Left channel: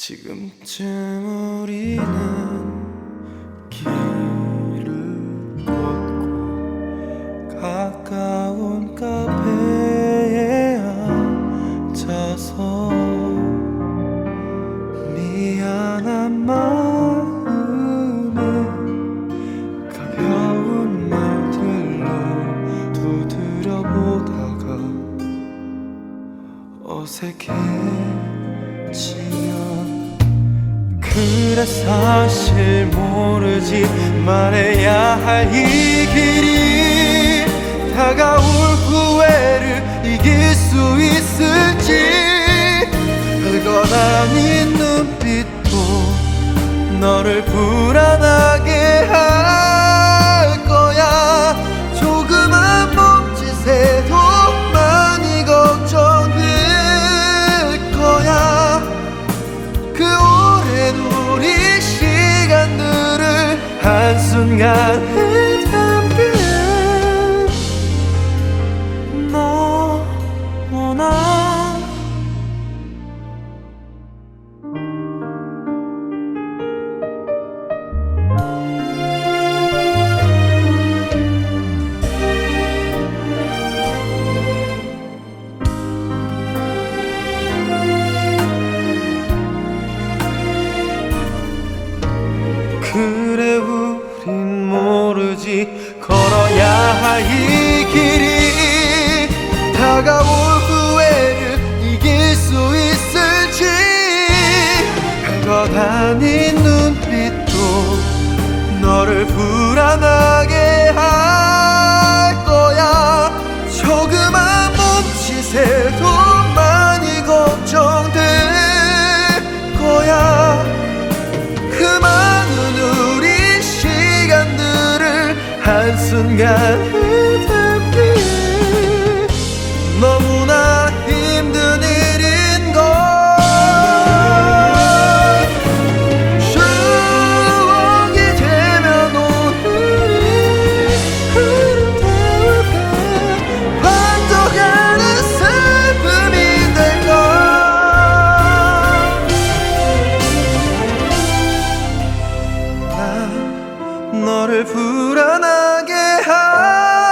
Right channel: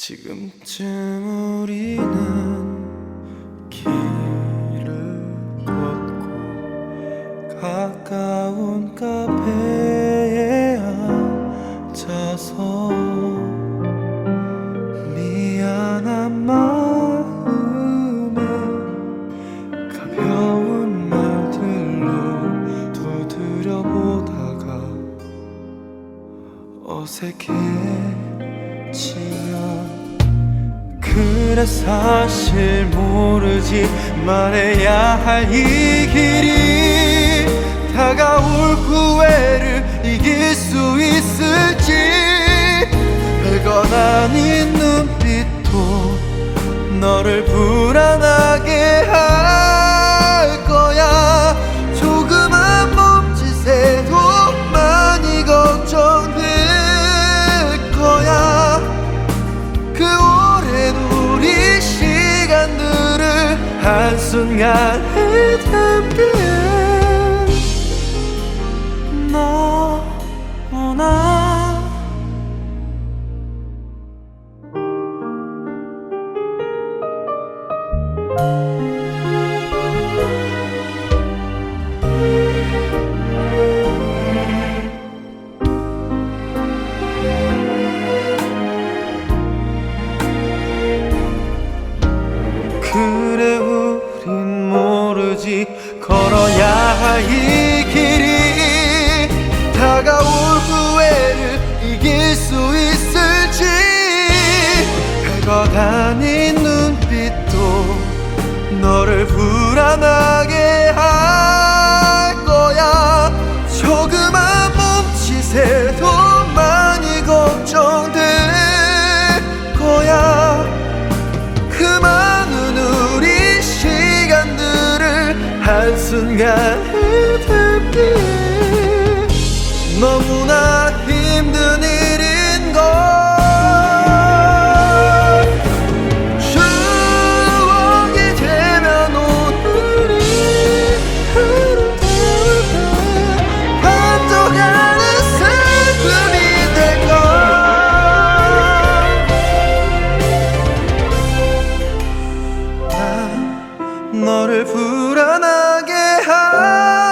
지금쯤 우리는 길을 걷고 가까운 카페에 앉아서 미안한 마음에 가벼운 말들로 두드려 보다가 어색해 지면 그래 사실 모르지 말해야 할 이 길이 다가올 후회를 이길 수 있을지 별것 아닌 눈빛도 너를 불안하게 할 시간들을 한순간에 담기엔 너무나 그래 우린 모르지. 걸어야 할 이 길이 다가올 후회를 이길 수 있을지. 별것 아닌 눈빛도 너를 불안하게 할 거야. 조그만 몸짓에도 많이 걱정될 거야. 그많 한순간 흐트기에 너무나 힘든 일인 걸. 추억이 되면 오늘이 흐름대울 때 반쪽하는 슬픔이 될걸 너를 불안하게 하